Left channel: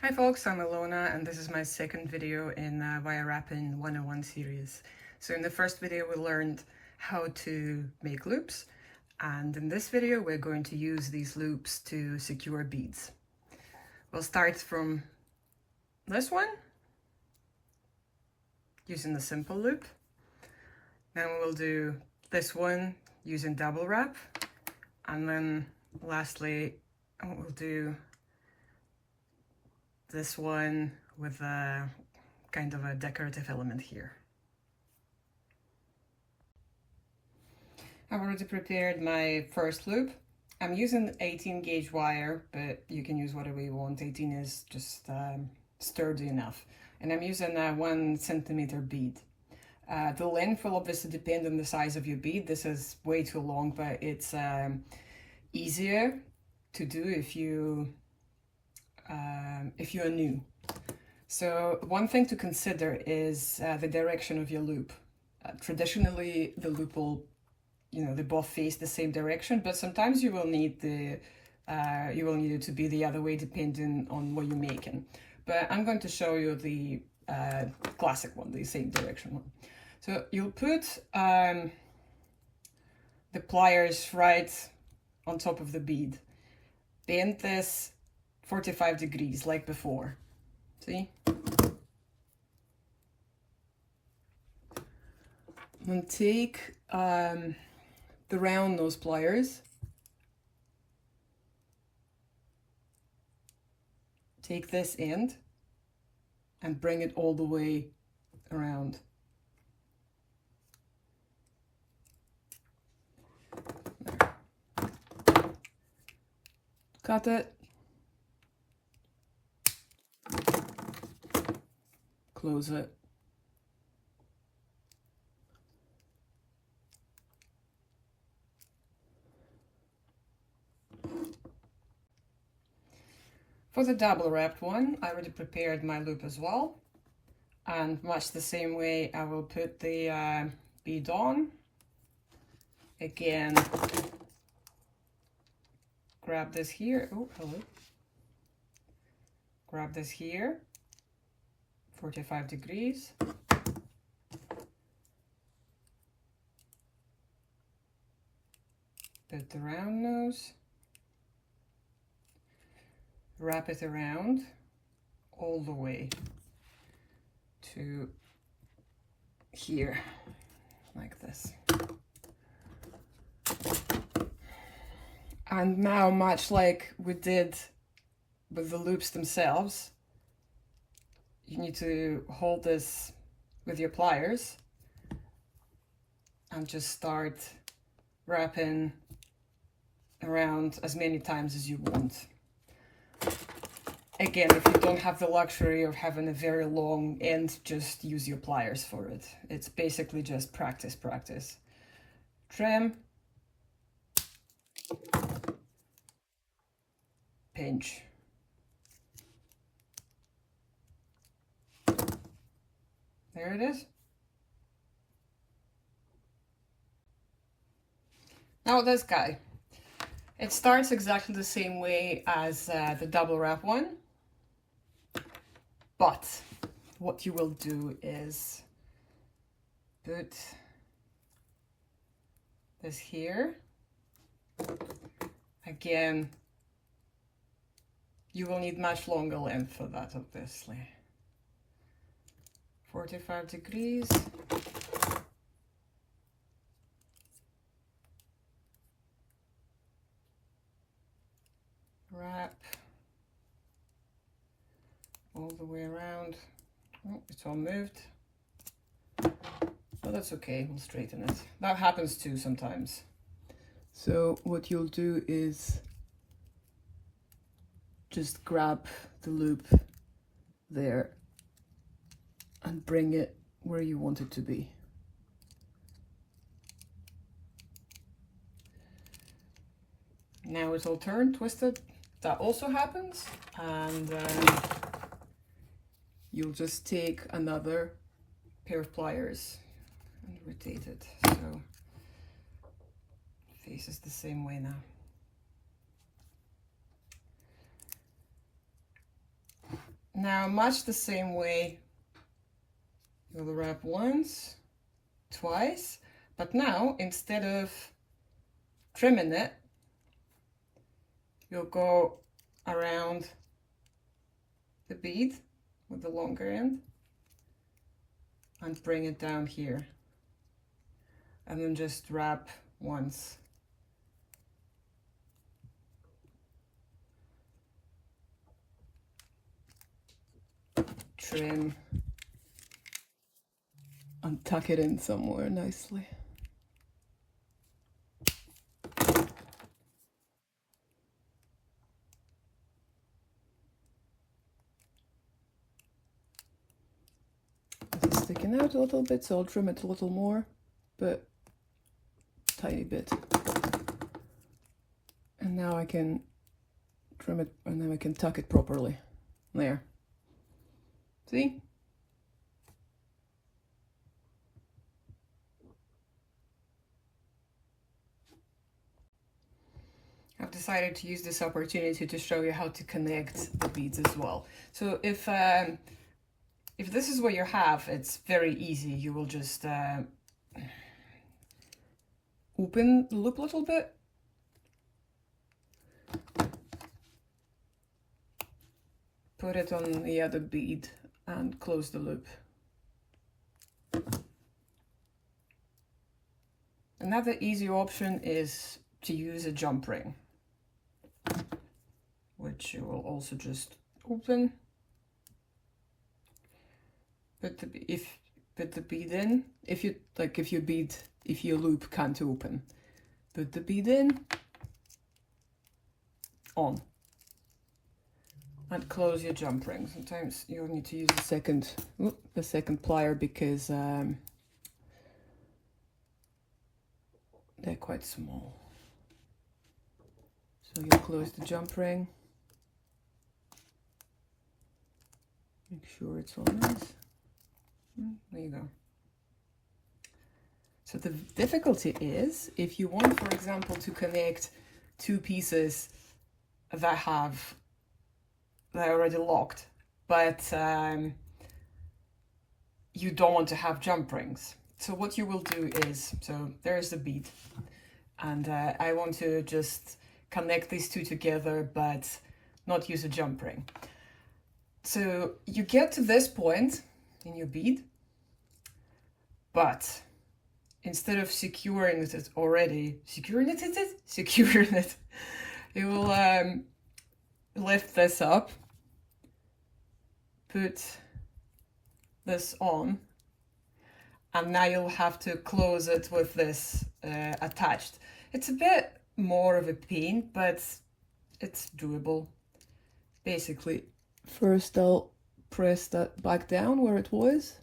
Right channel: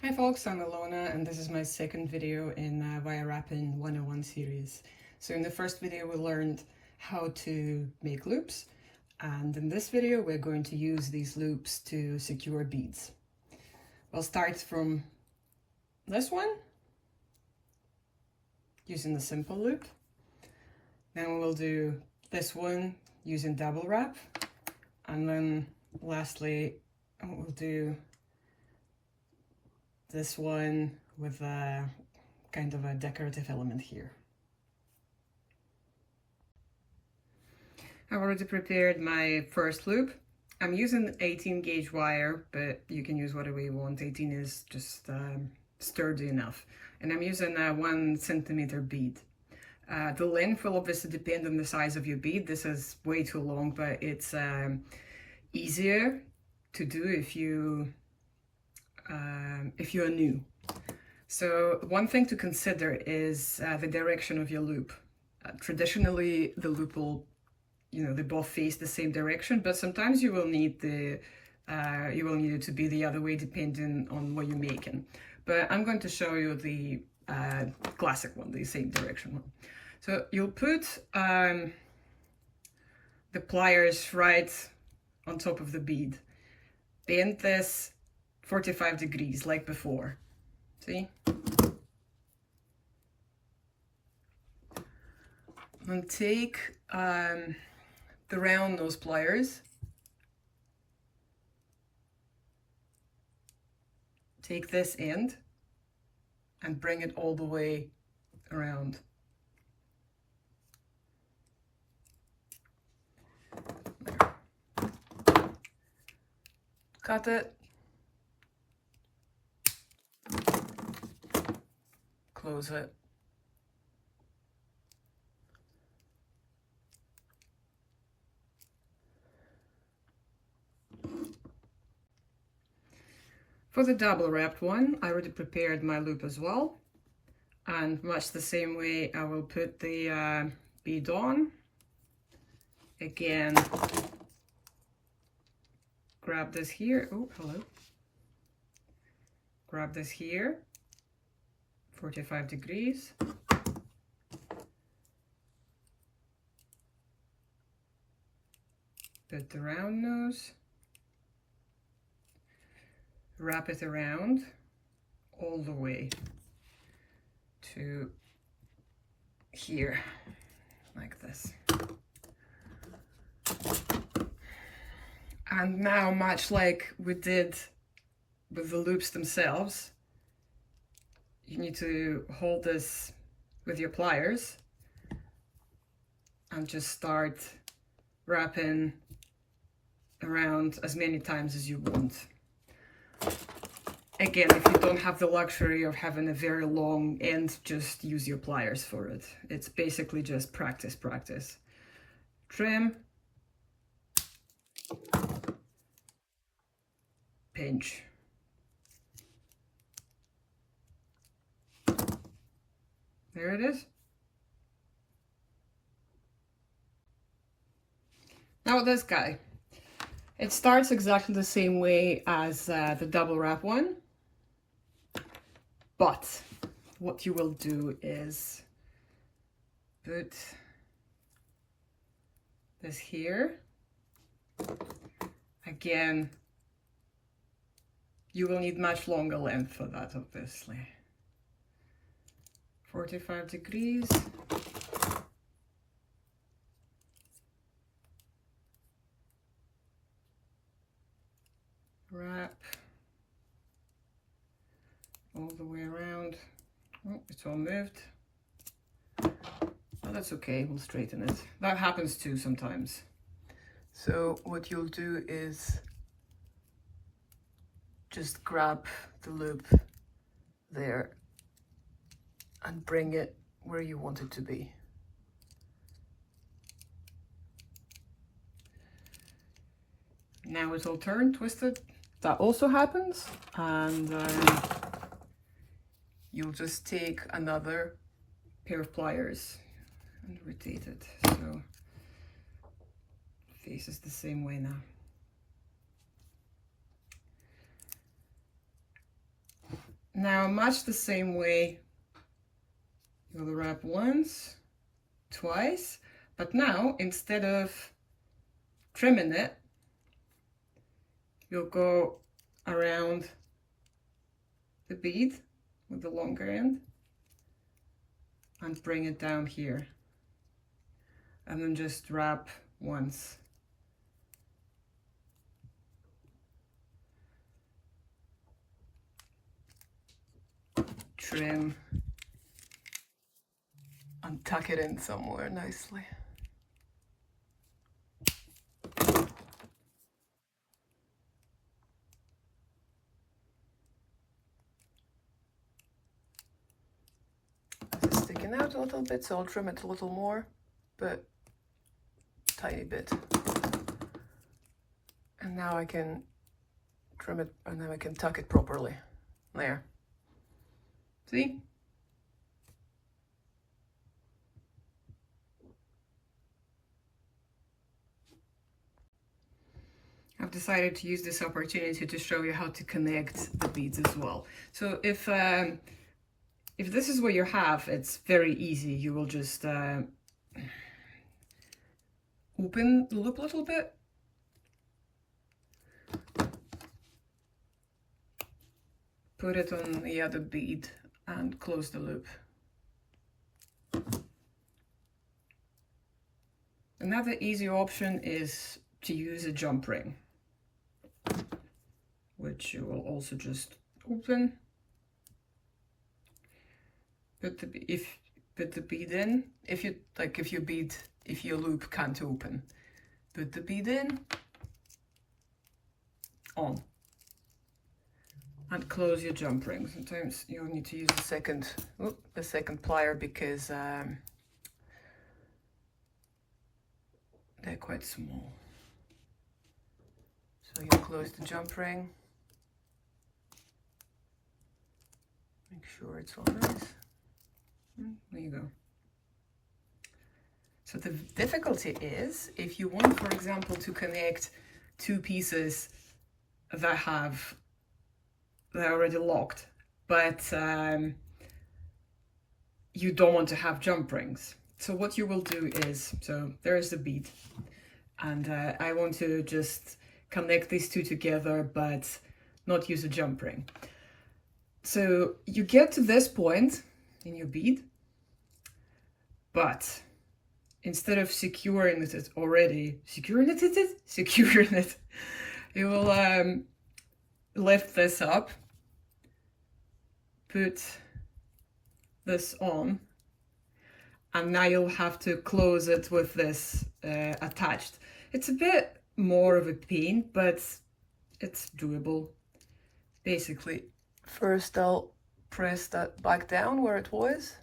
Hi folks, I'm Ilona and this is my second video in Wire Wrapping 101 series. So in the first video we learned how to make loops, and in this video we're going to use these loops to secure beads. We'll start from this one, using the simple loop. Then we'll do this one using double wrap, and then lastly we'll do this one with a kind of a decorative element here. I've already prepared my first loop. I'm using 18 gauge wire, but you can use whatever you want. 18 is just sturdy enough. And I'm using a 1 centimeter bead. The length will obviously depend on the size of your bead. This is way too long, but it's easier to do if you're new. So one thing to consider is the direction of your loop. Traditionally, the loop will, they both face the same direction, but sometimes you will need it to be the other way depending on what you're making. But I'm going to show you the classic one, the same direction one. So you'll put the pliers right on top of the bead. Bend this 45 degrees like before. See? And take the round nose pliers, take this end and bring it all the way around. Cut it, close it. For the double wrapped one, I already prepared my loop as well, and much the same way I will put the bead on. Again, grab this here, oh hello, grab this here, 45 degrees, put the round nose, wrap it around all the way to here, like this. And now, much like we did with the loops themselves, you need to hold this with your pliers and just start wrapping around as many times as you want. Again, if you don't have the luxury of having a very long end, just use your pliers for it. It's basically just practice. Trim, pinch. There it is. Now this guy. It starts exactly the same way as the double wrap one, but what you will do is put this here. Again, you will need much longer length for that, obviously. 45 degrees. Wrap all the way around. Oh, it's all moved. But that's okay, we'll straighten it. That happens too sometimes. So what you'll do is just grab the loop there and bring it where you want it to be. Now it's all turned, twisted. That also happens, and you'll just take another pair of pliers and rotate it so it faces the same way now. Now, much the same way, you'll wrap once, twice, but now instead of trimming it, you'll go around the bead with the longer end and bring it down here, and then just wrap once. Trim and tuck it in somewhere nicely. It's sticking out a little bit, so I'll trim it a little more, but tiny bit. And now I can trim it, and then I can tuck it properly. There. See? I've decided to use this opportunity to show you how to connect the beads as well. So if this is what you have, it's very easy. You will just open the loop a little bit. Put it on the other bead and close the loop. Another easy option is to use a jump ring, which you will also just open. Put the bead in. If your loop can't open, put the bead in, on, and close your jump ring. Sometimes you'll need to use a second plier because they're quite small. So you close the jump ring. Make sure it's all nice. There you go. So the difficulty is if you want, for example, to connect two pieces that are already locked, but you don't want to have jump rings. So what you will do is, so there's the bead, and I want to just connect these two together, but not use a jump ring. So you get to this point in your bead, but instead of securing it, you will lift this up, put this on, and now you'll have to close it with this attached. It's a bit more of a pain, but it's doable. Basically, first I'll press that back down where it was.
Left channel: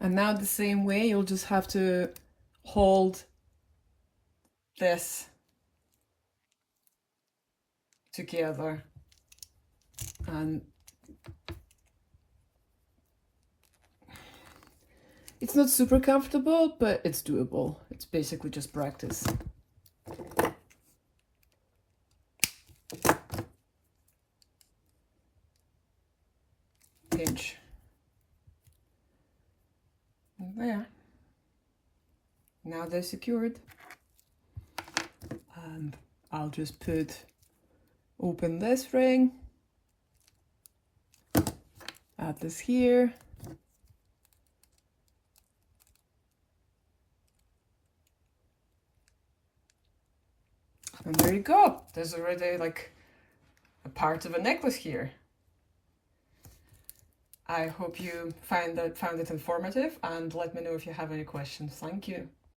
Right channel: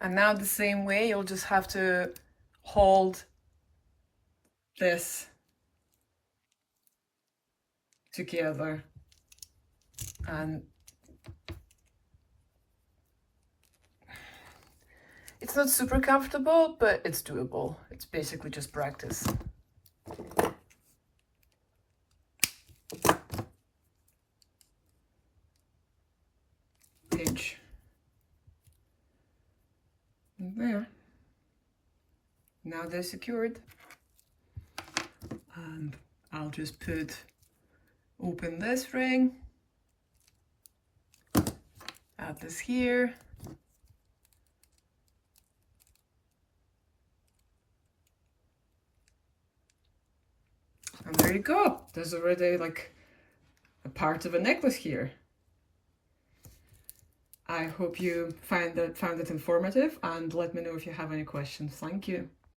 And now the same way, you'll just have to hold this together, and it's not super comfortable, but it's doable. It's basically just practice. Pinch. And there. Now they're secured. And I'll just open this ring, add this here, and there you go. There's already like a part of a necklace here. I hope you found it informative, and let me know if you have any questions. Thank you.